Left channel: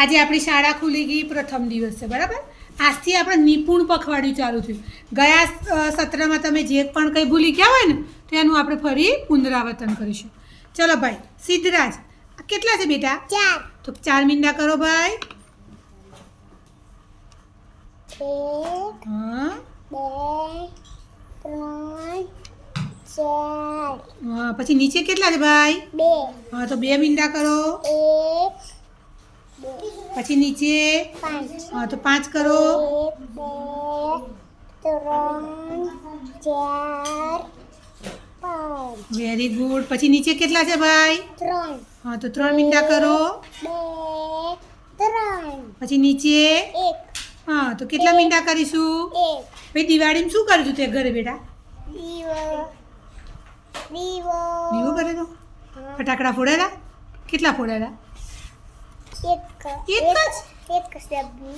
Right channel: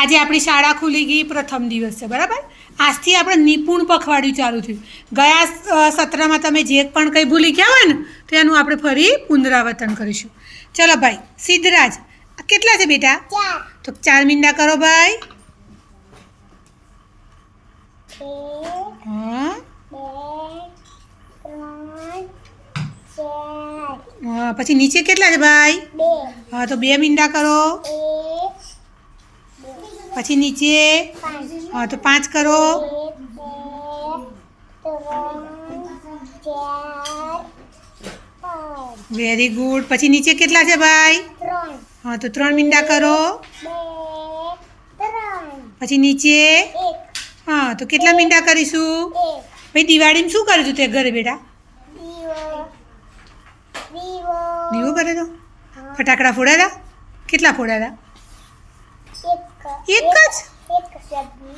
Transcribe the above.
આજે આપણી શાળા ખુલી ગઈ પ્રથમ દિવસ છે બરાબર? આજથી આપણે નિપુણ પખવાડિયું ચાલુ થયું. ગયા સત્રમાં તમે જે પણ કંઈ ભૂલી ગયા હોય ને તો એનું આપણે ફરી પુનરાવર્તન કરીશું. ચલો ભાઈ સિદ્ધરાજ કેટલા છે બેટા? ચાર. તો ચાર મીંડા કરો ભાઈ. હા. પછી નીચે કેટલા છે ભાઈ? હા તો બે મીંડા કરો. પછી નીચે હા તો પાંચ કરો. વેરી ગુડ પછી નીચે કેટલા છે ભાઈ? હા તો ત્રણ મીંડા કરો. પછી નીચે? હા તો કેટલા મીંડા કરીશું? ભાઈ દિવાળીમાં શું કર્યું તે ઘરે બેટા? દીવો. કરે તો? ફટાકડા ફોડાયા કેટલા ફોડાયા Редко. Редко? Редко слабый.